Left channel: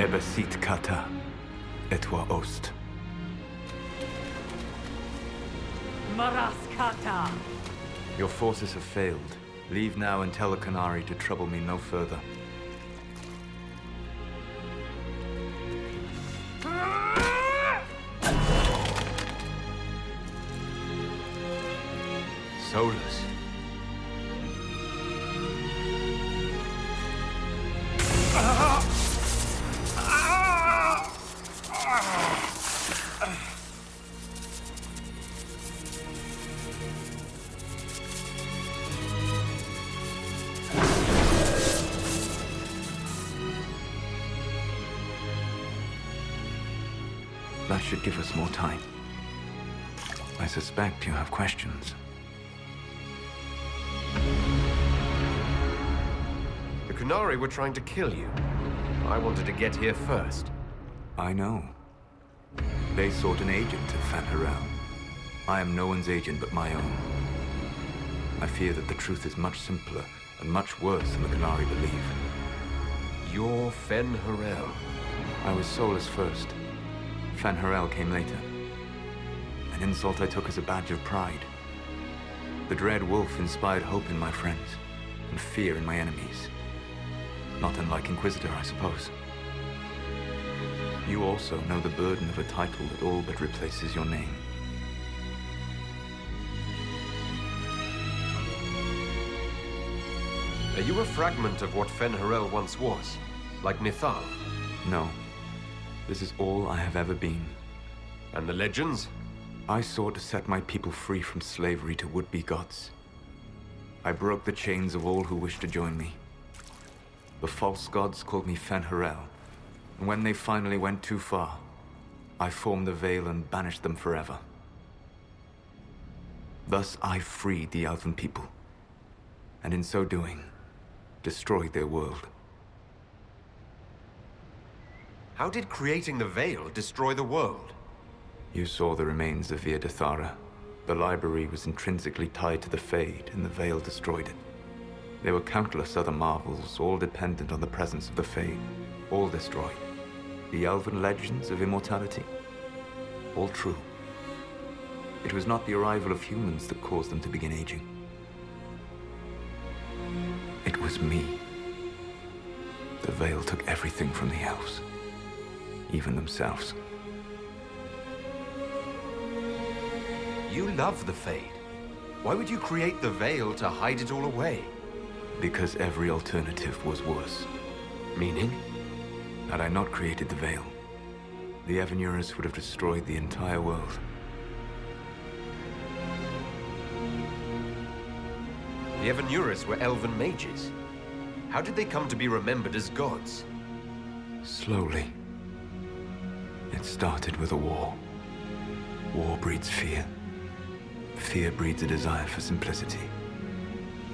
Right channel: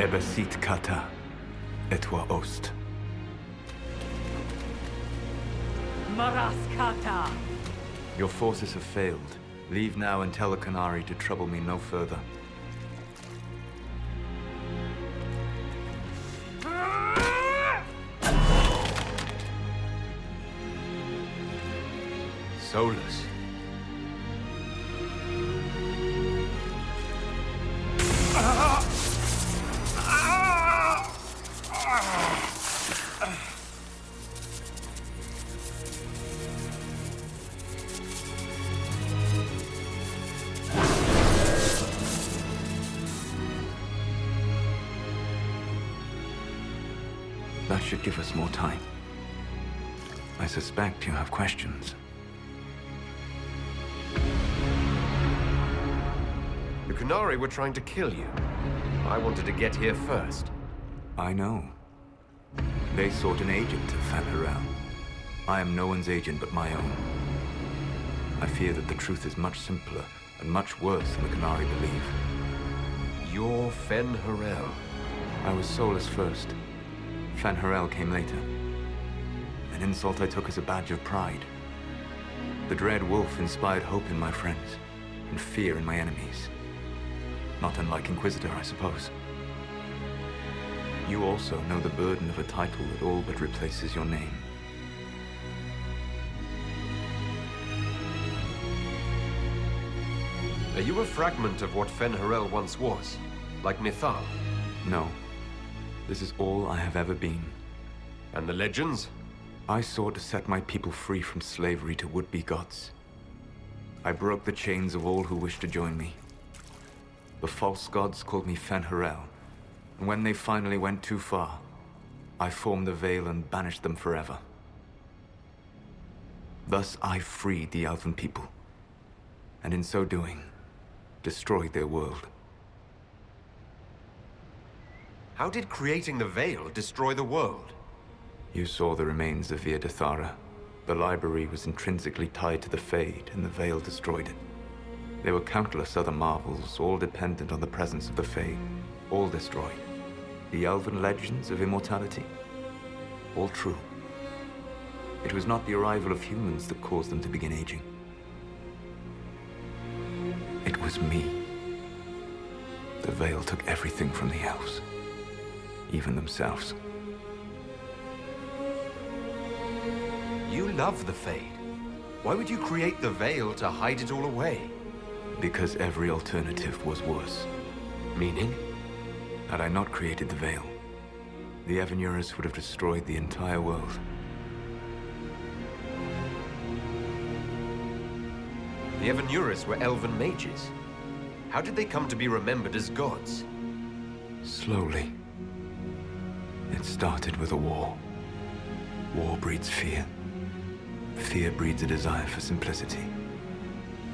Ebesit kata, etwa ost. Maraskata! Your forces have failed. Leave now and tell the Canary to trouble me no further. Solus. That should give us more time. I suspect you have questions. The Canary were trying to kill you. I wanted to get here first. I know. They sought an agent of Fan Harel. I am no one's agent but my own. I fear that the truth is much simpler and much worse than the Canary believe. You're Fen Harel. I was Solus first. Fan Harel came later. An insult I took as a badge of pride. The Dread Wolf inspired hope in my friends, and fear in my enemies. Not unlike Inquisitor, I suppose. You also know the burden of a title that all but replaces your name. Are you a fragment of what Fen Harel once was? Like Mythal? No. This is all I have ever been. And the legends? I sought to set my people free from slavery to would-be gods. I broke the chains of all who wished to join me. The false gods called me Fen Harel, and when they finally went too far, I formed the Veil and banished them forever. Thus I freed the Elven people, and in so doing, destroyed their world. How did creating the Veil destroy the world? You saw the remains of Via de Thara. The library was intrinsically tied to the Fade, and the Veil destroyed it. There were countless other marvels, all dependent on the presence of the Fade, all destroyed. The Elven legends of immortality, all true. It was not the arrival of humans that caused them to begin aging. It was me. The Veil took everything from the elves, even themselves. You love the Fade. Why would you create the Veil to hide it all away? Because every alternative was worse. Meaning? Had I not created the Veil, the Evenuris would have destroyed the entire world. The Evenuris were elven mages. How did they come to be remembered as gods? Slowly. It started with a war. War breeds fear. Fear breeds a desire for simplicity.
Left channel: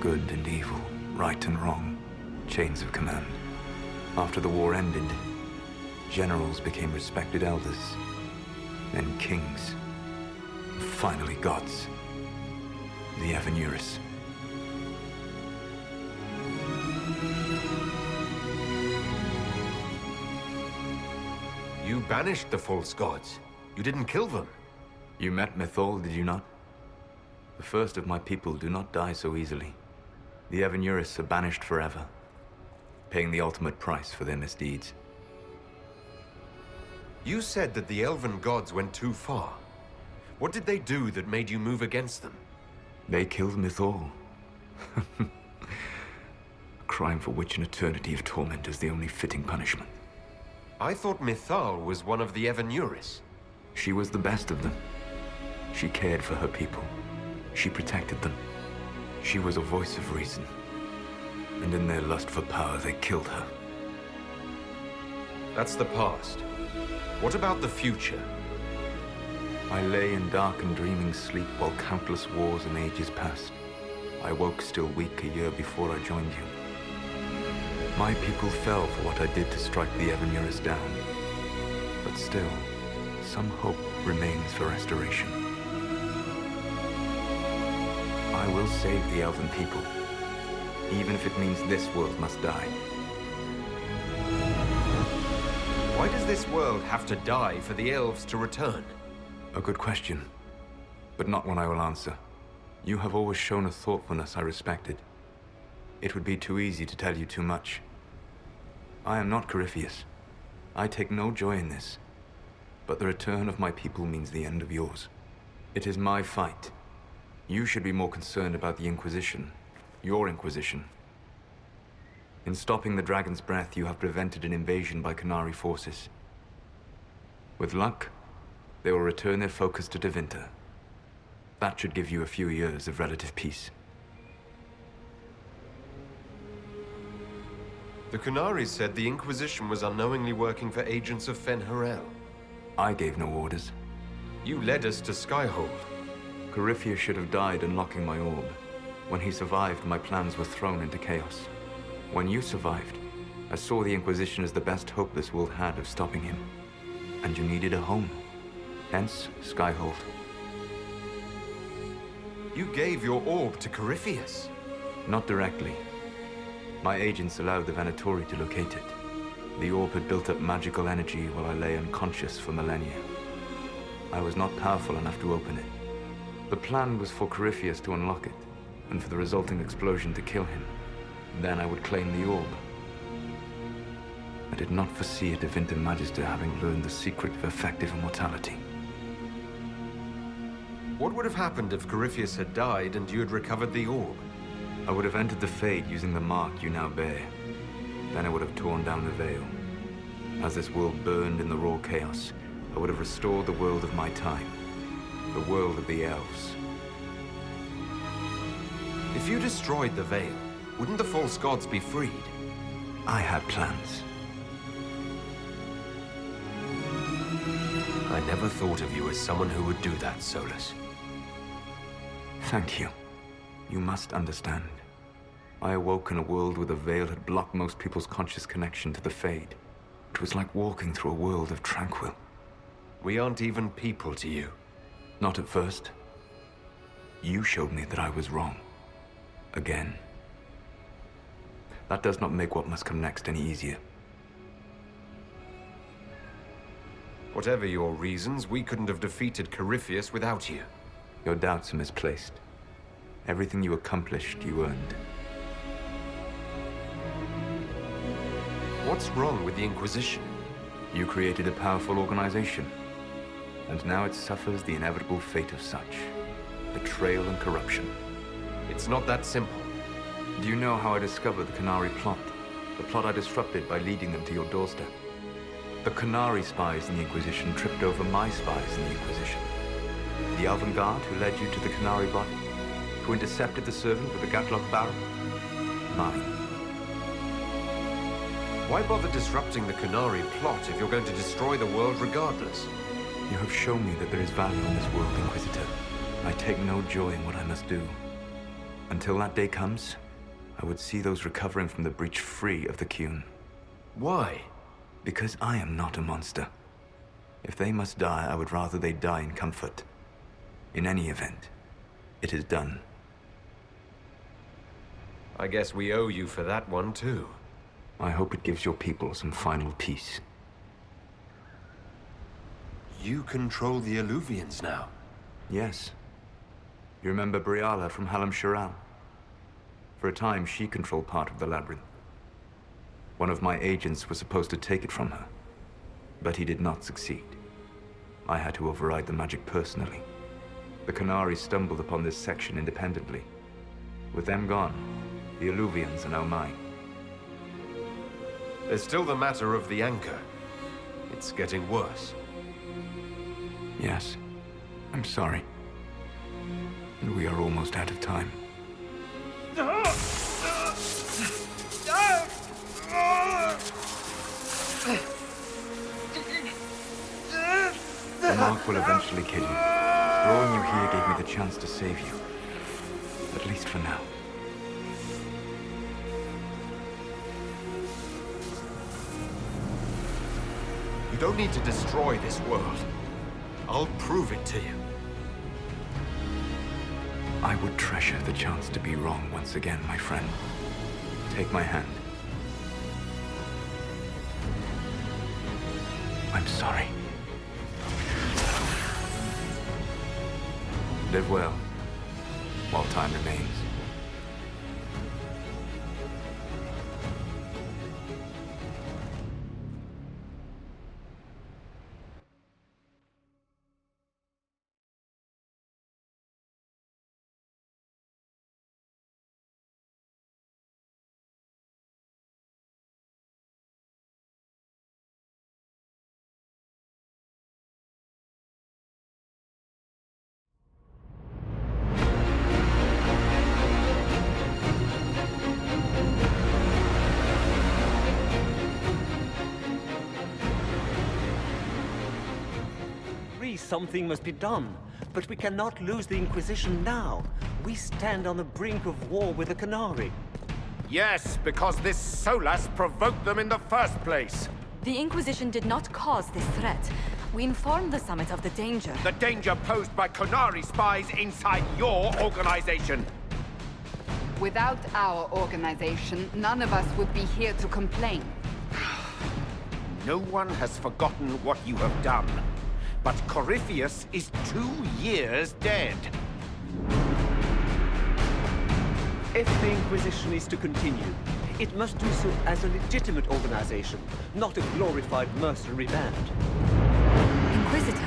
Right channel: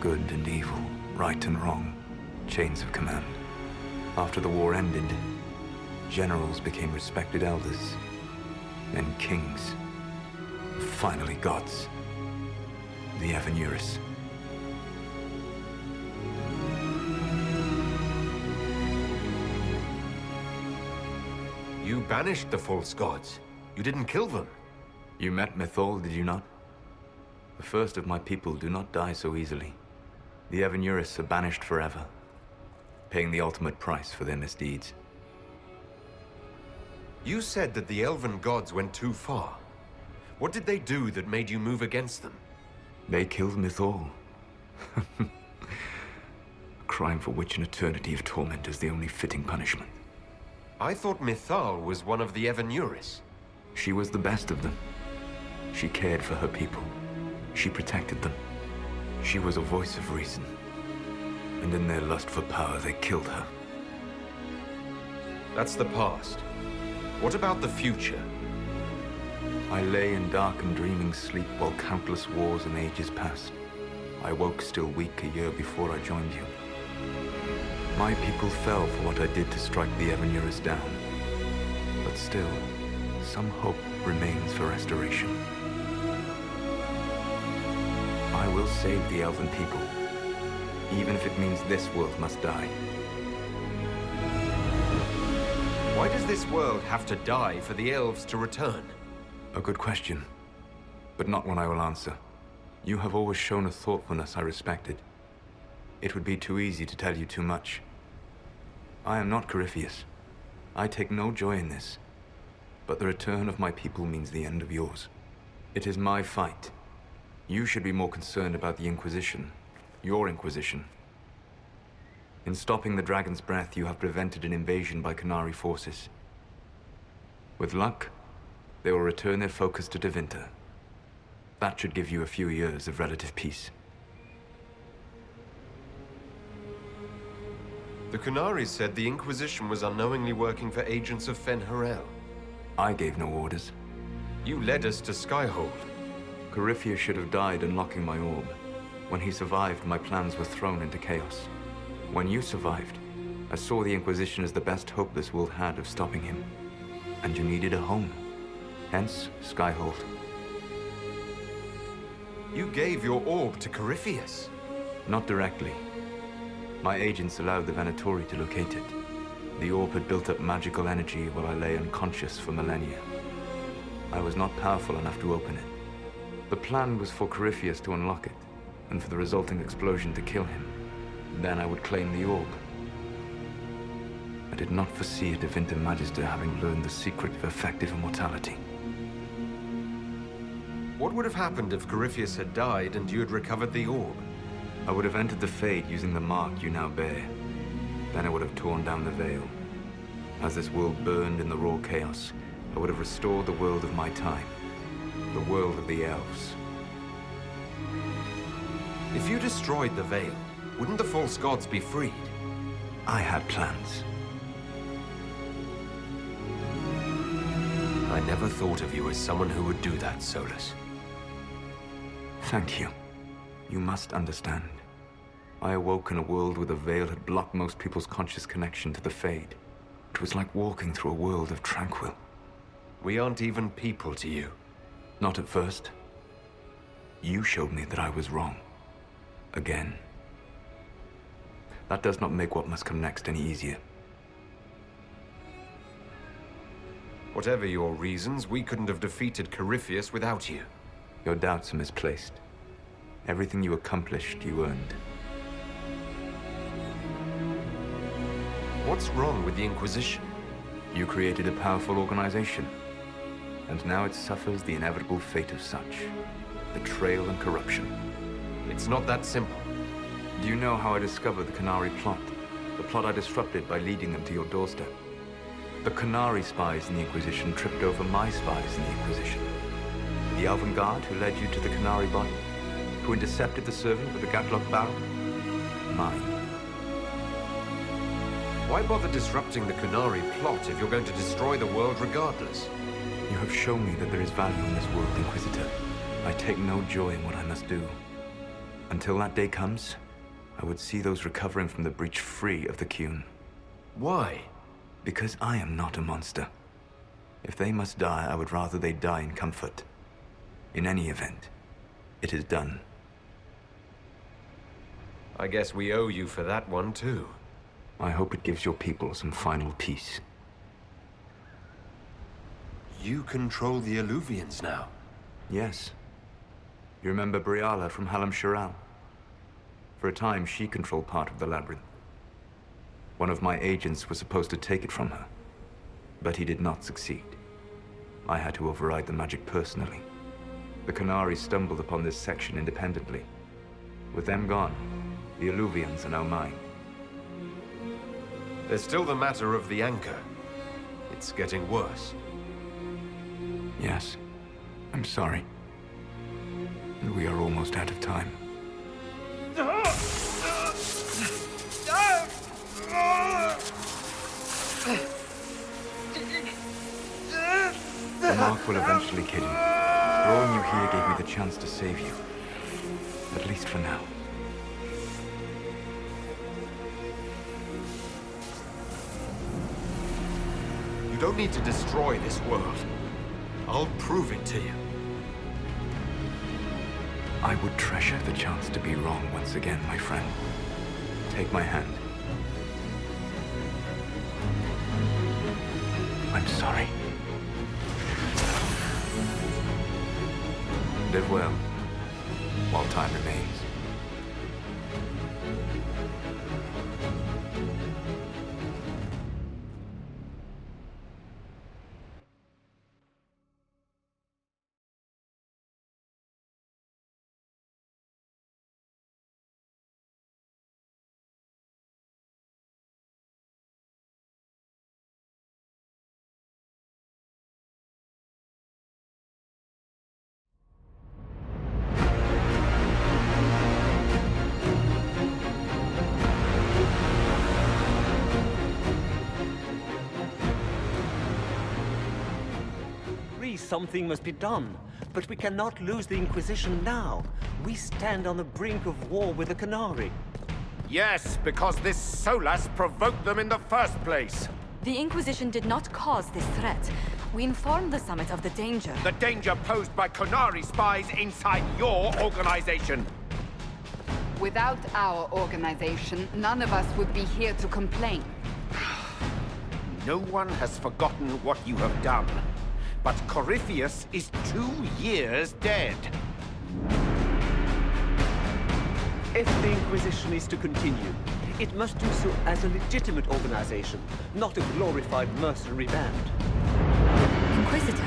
Good and evil, right and wrong, chains of command. After the war ended, generals became respected elders, then kings, finally gods. The Evenuris. You banished the false gods. You didn't kill them. You met Mythal, did you not? The first of my people do not die so easily. The Evenuris are banished forever, paying the ultimate price for their misdeeds. You said that the elven gods went too far. What did they do that made you move against them? They killed Mythal. A crime for which an eternity of torment is the only fitting punishment. I thought Mythal was one of the Evenuris. She was the best of them. She cared for her people. She protected them. She was a voice of reason. And in their lust for power, they killed her. That's the past. What about the future? I lay in dark and dreaming sleep while countless wars and ages passed. I woke still weak a year before I joined you. My people fell for what I did to strike the Evenuris down. But still, some hope remains for restoration. I will save the Elven people, even if it means this world must die. Why does this world have to die for the elves to return? A good question, but not one I will answer. You have always shown a thoughtfulness I respected. It would be too easy to tell you too much. I am not Corypheus. I take no joy in this. But the return of my people means the end of yours. It is my fight. You should be more concerned about the Inquisition. Your Inquisition. In stopping the Dragon's Breath, you have prevented an invasion by Qunari forces. With luck, they will return their focus to Tevinter. That should give you a few years of relative peace. The Qunari said the Inquisition was unknowingly working for agents of Fen-Harel. I gave no orders. You led us to Skyhold. Corypheus should have died unlocking my orb. When he survived, my plans were thrown into chaos. When you survived, I saw the Inquisition as the best hope this world had of stopping him. And you needed a home. Hence, Skyhold. You gave your orb to Corypheus? Not directly. My agents allowed the Venatori to locate it. The orb had built up magical energy while I lay unconscious for millennia. I was not powerful enough to open it. The plan was for Corypheus to unlock it, and for the resulting explosion to kill him. Then I would claim the orb. I did not foresee a Tevinter Magister having learned the secret of effective immortality. What would have happened if Corypheus had died and you had recovered the orb? I would have entered the Fade using the mark you now bear. Then I would have torn down the veil. As this world burned in the raw chaos, I would have restored the world of my time. The world of the elves. If you destroyed the veil, wouldn't the false gods be freed? I had plans. I never thought of you as someone who would do that, Solus. Thank you. You must understand. I awoke in a world where the veil had blocked most people's conscious connection to the Fade. It was like walking through a world of tranquil. We aren't even people to you. Not at first. You showed me that I was wrong. Again. That does not make what must come next any easier. Whatever your reasons, we couldn't have defeated Corypheus without you. Your doubts are misplaced. Everything you accomplished, you earned. What's wrong with the Inquisition? You created a powerful organization. And now it suffers the inevitable fate of such. Betrayal and corruption. It's not that simple. Do you know how I discovered the Qunari plot? The plot I disrupted by leading them to your doorstep. The Qunari spies in the Inquisition tripped over my spies in the Inquisition. The Elven Guard who led you to the Qunari body? Who intercepted the servant with the Gatlock barrel? Mine. Why bother disrupting the Qunari plot if you're going to destroy the world regardless? You have shown me that there is value in this world, Inquisitor. I take no joy in what I must do. Until that day comes, I would see those recovering from the breach free of the Qun. Why? Because I am not a monster. If they must die, I would rather they die in comfort. In any event, it is done. I guess we owe you for that one, too. I hope it gives your people some final peace. You control the Alluvians now. Yes. You remember Briala from Halam Shiral? For a time, she controlled part of the labyrinth. One of my agents was supposed to take it from her, but he did not succeed. I had to override the magic personally. The Qunari stumbled upon this section independently. With them gone, the Alluvians are now mine. There's still the matter of the anchor. It's getting worse. Yes, I'm sorry. And we are almost out of time. The mark will eventually kill you. Drawing you here gave me the chance to save you. At least for now. You don't need to destroy this world. I'll prove it to you. I would treasure the chance to be wrong once again, my friend. Take my hand. I'm sorry. Live well, while time remains. Something must be done, but we cannot lose the Inquisition now. We stand on the brink of war with the Canary. Yes, because this Solas provoked them in the first place. The Inquisition did not cause this threat. We informed the Summit of the danger. The danger posed by Canary spies inside your organization. Without our organization, none of us would be here to complain. No one has forgotten what you have done. But Corypheus is 2 years dead. If the Inquisition is to continue, it must do so as a legitimate organization, not a glorified mercenary band. Inquisitor.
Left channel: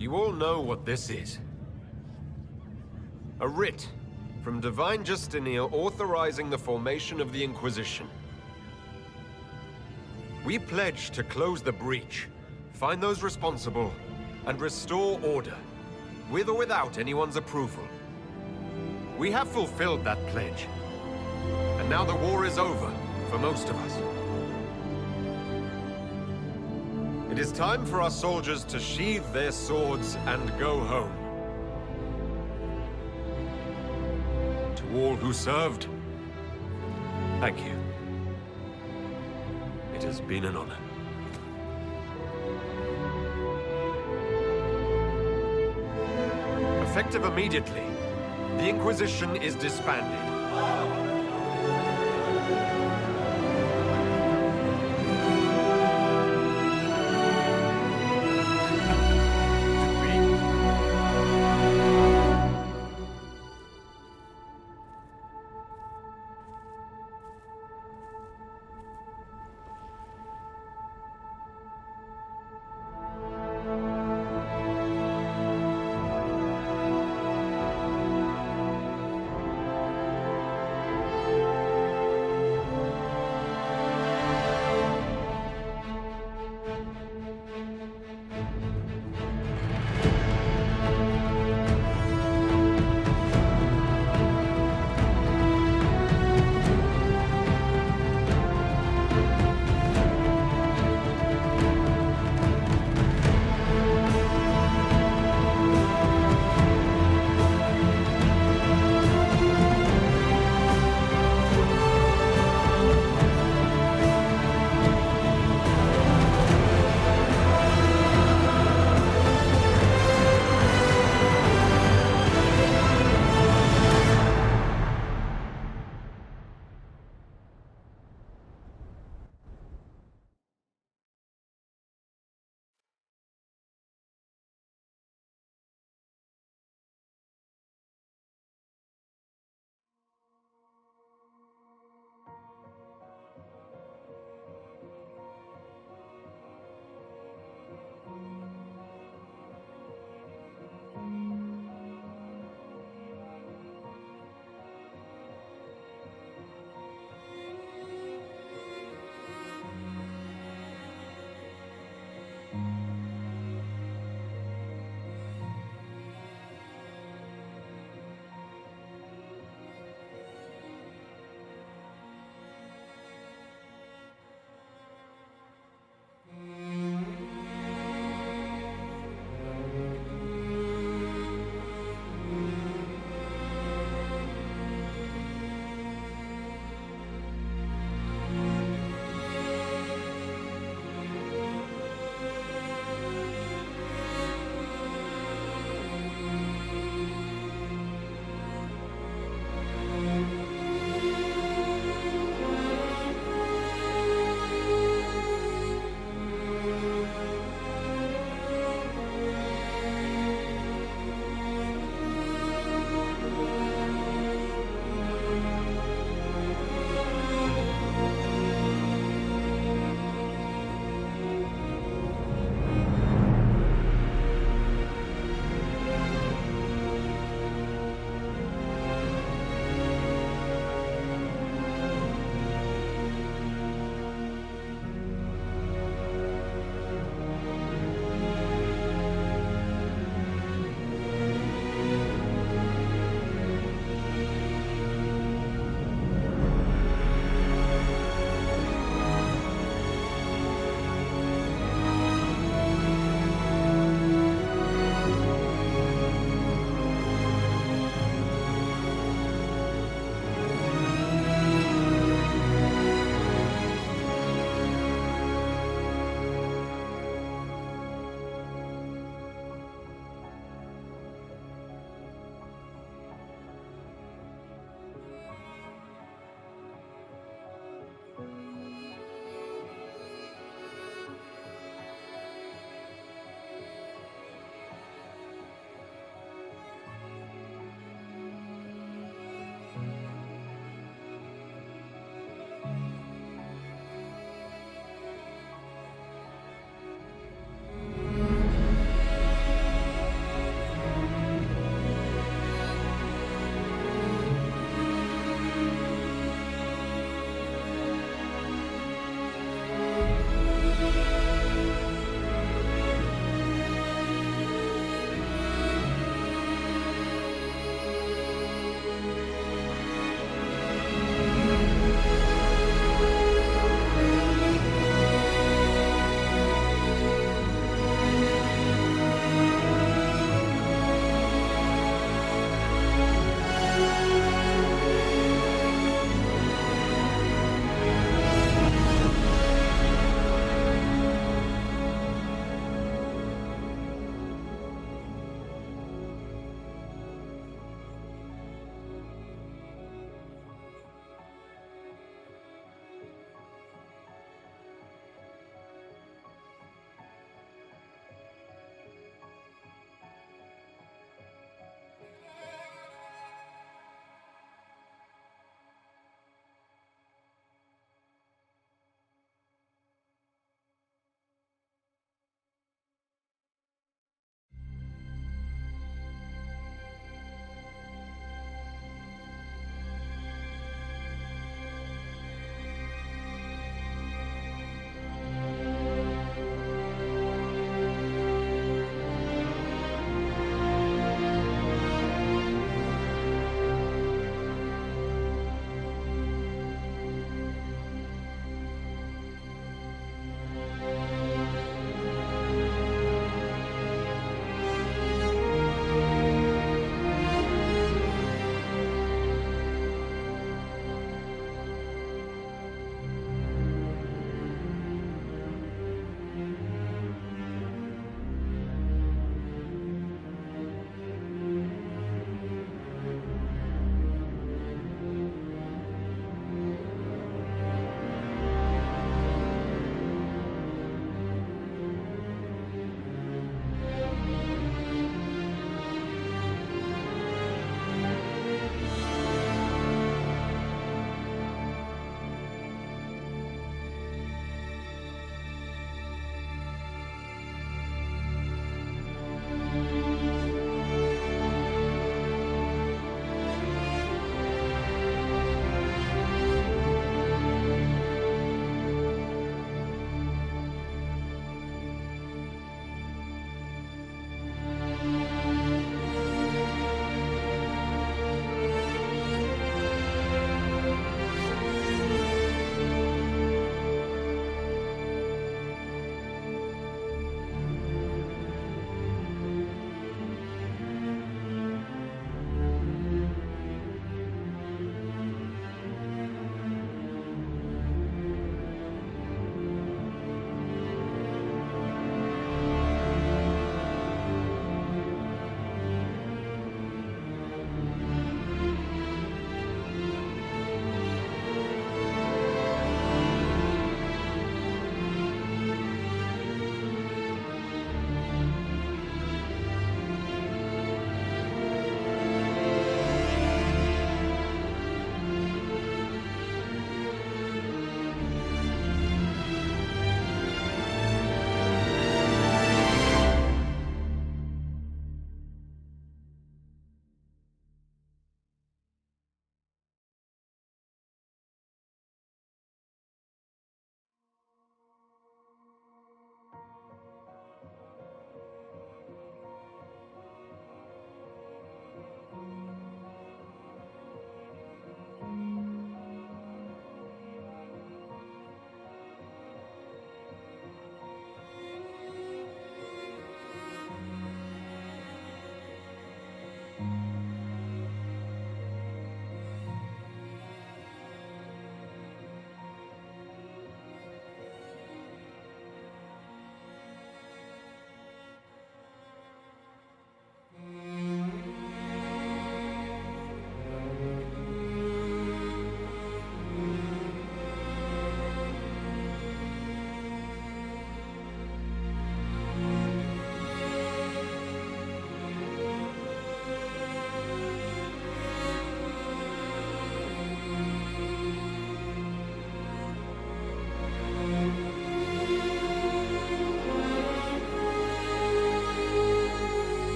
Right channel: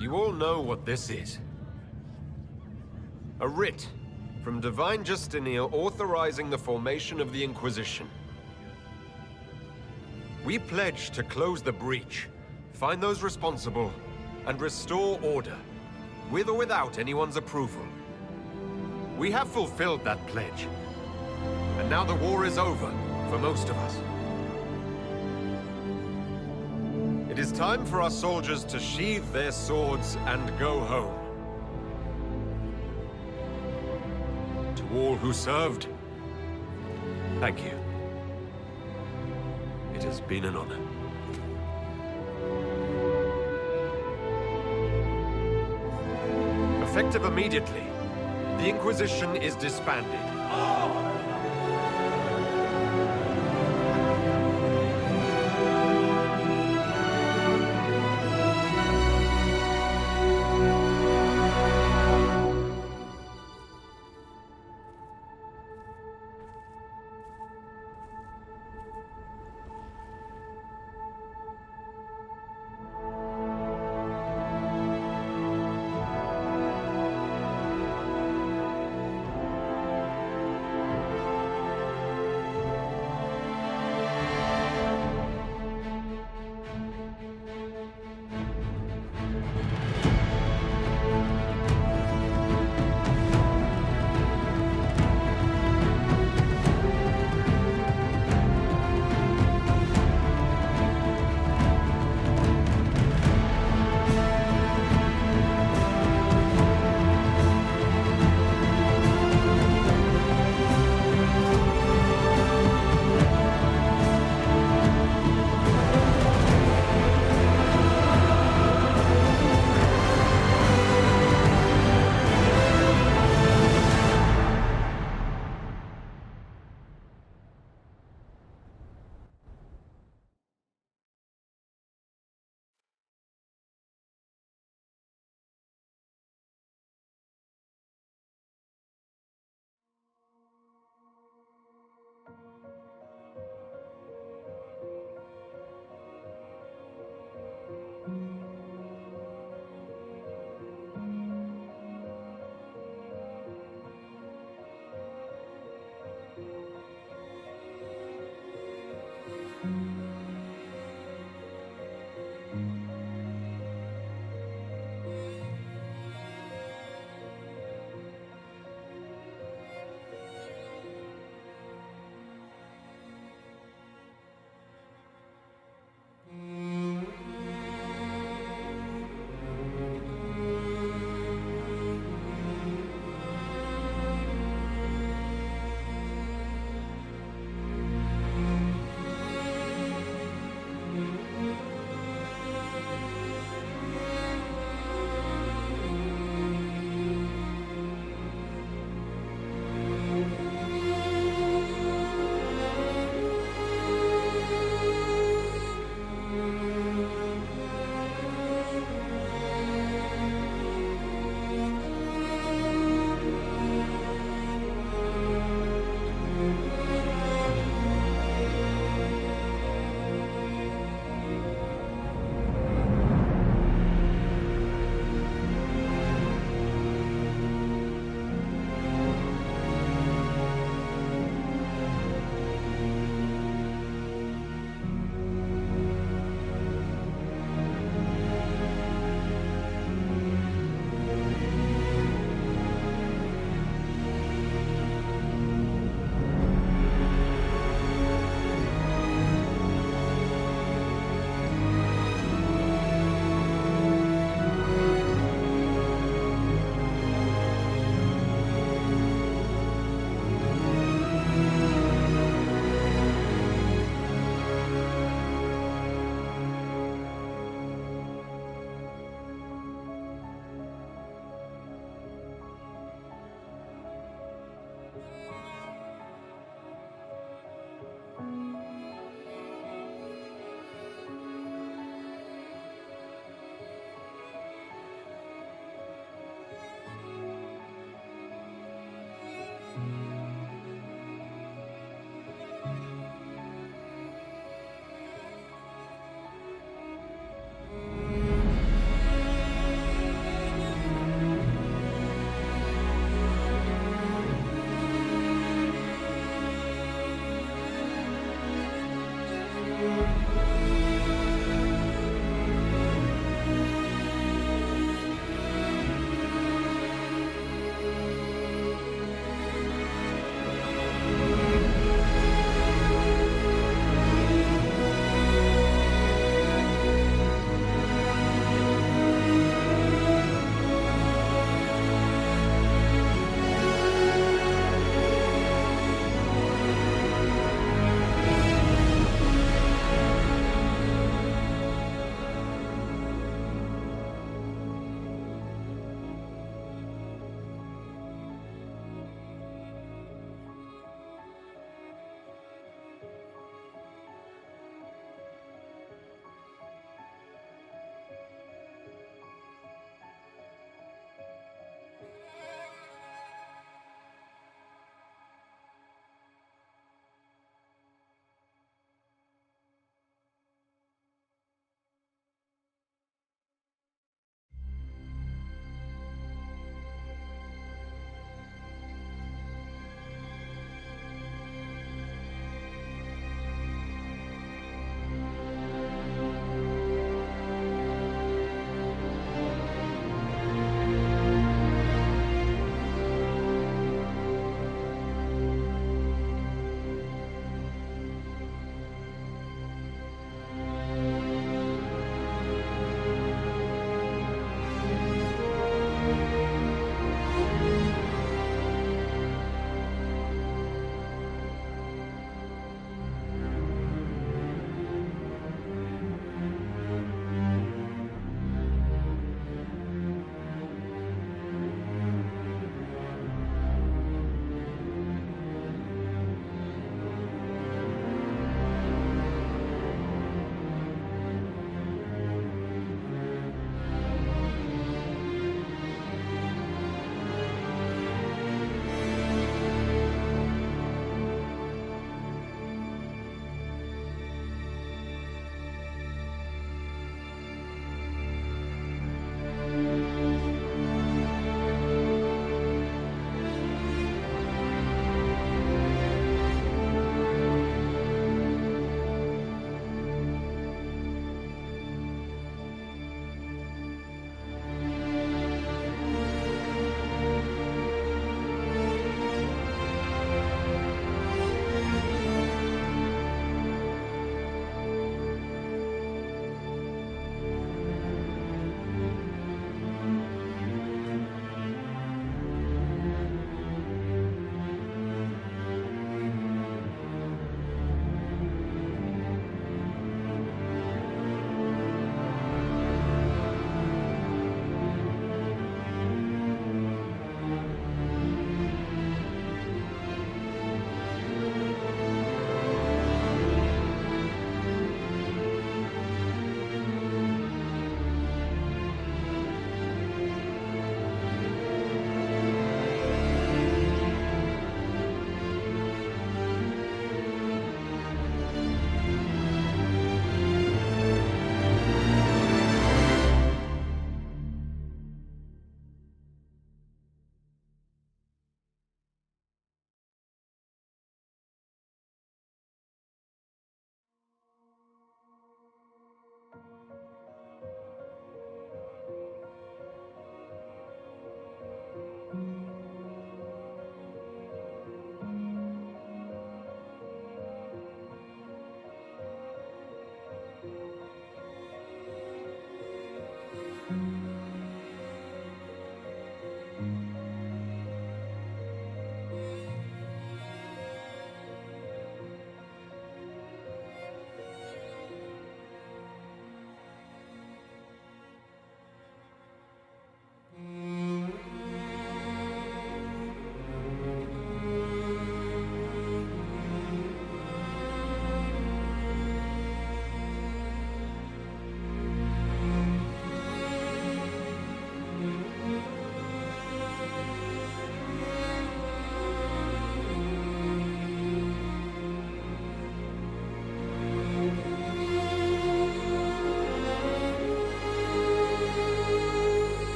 You all know what this is. A writ from Divine Justinia authorizing the formation of the Inquisition. We pledge to close the breach, find those responsible, and restore order, with or without anyone's approval. We have fulfilled that pledge. And now the war is over, for most of us. It is time for our soldiers to sheathe their swords and go home. To all who served, thank you. It has been an honor. Effective immediately, the Inquisition is disbanded.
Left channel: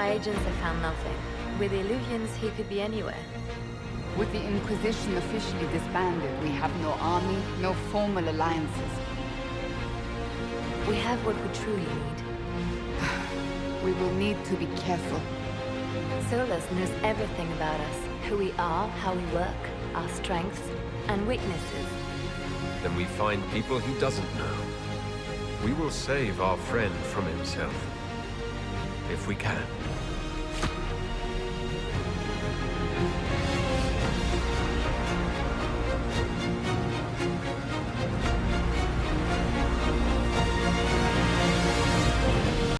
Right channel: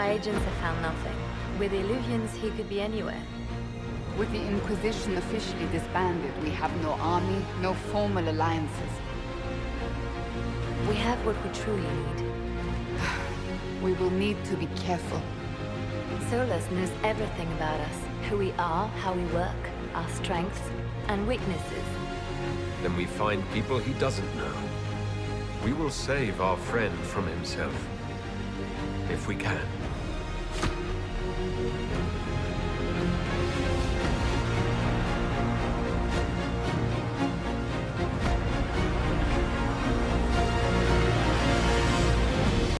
My agents have found nothing. With the Illuvians, he could be anywhere. With the Inquisition officially disbanded, we have no army, no formal alliances. We have what we truly need. We will need to be careful. Solas knows everything about us. Who we are, how we work, our strengths and weaknesses. Then we find people he doesn't know. We will save our friend from himself. If we can.